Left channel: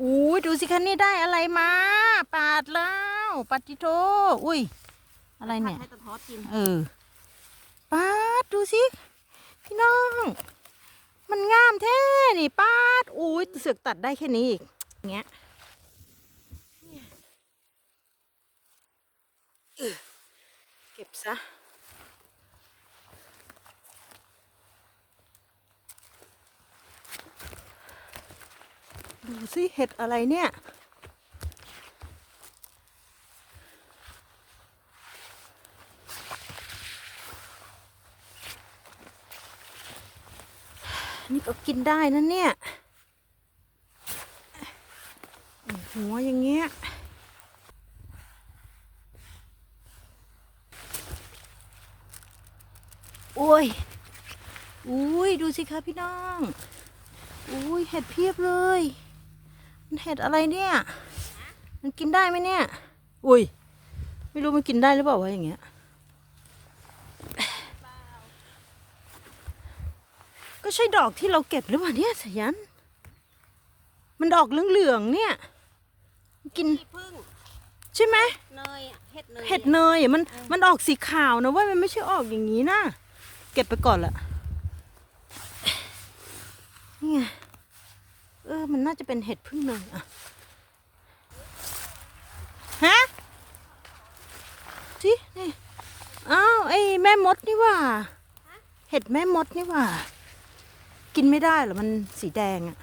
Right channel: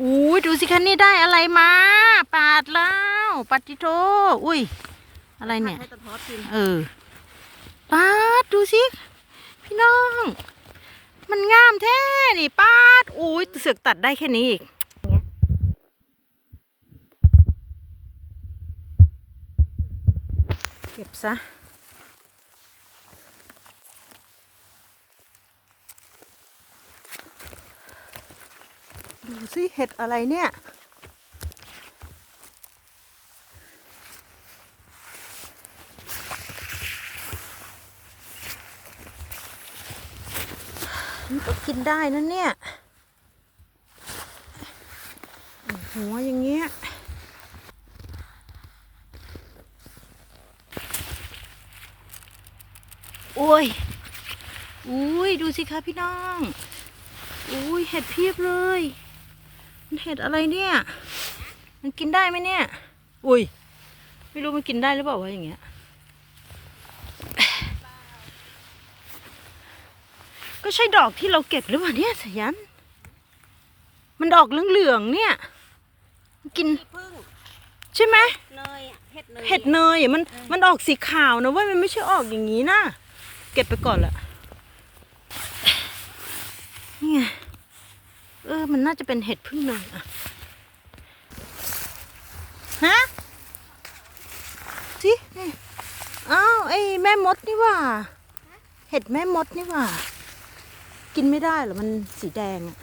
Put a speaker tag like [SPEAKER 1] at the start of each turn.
[SPEAKER 1] อู้ยดูสิคะนี่ได้อะไรมา ปาดแล้วปาติโทอุ้ย อะไรเนี่ย
[SPEAKER 2] ให้ตะทอดกิน
[SPEAKER 1] เออ ปาดดูสิ พี่น้อง มันงามแท้ นี่ปาดอุ้ยเสือกตัดได้แค่นี้อีกอย่างเงี้ยเก็บซะ ดูสิเห็ดอะไรเนี่ย นี่ก็กินได้นะเนี่ย หัวอย่างเงี้ยโอ้ยอุ้ย ดูสิคะพี่น้อง อุ้ยเห็ดเพียบเลย มันเห็ดอะไรเนี่ย มันกินได้ไหมเนี่ย อุ้ย ไม่รู้มันกินได้หรือเปล่าวะอย่างเงี้ย ก็ใช่ดอกที่เราเก็บหรือเปล่าเนี่ยสายัน มันดอกเหลืองๆเนี่ย มันกิน
[SPEAKER 2] พึ่ง
[SPEAKER 1] ใช่ไหม
[SPEAKER 2] เนยอะเห็ดเนย
[SPEAKER 1] เห็ดเนยอะมัน มันออกสีขาวนะเว่ามันไม่ใช่ออกอย่างนี้นะ เก็บไปก่อนละนี่ไงเออ มันน่าจะเป็นเห็ดพึ่งเนยอะฮะสินี่อ้าวไอ้แม่มดนี่ว่า เห็ดแม่มดนี่ว่า กินไม่ได้เหรอ มันสีแดงอะ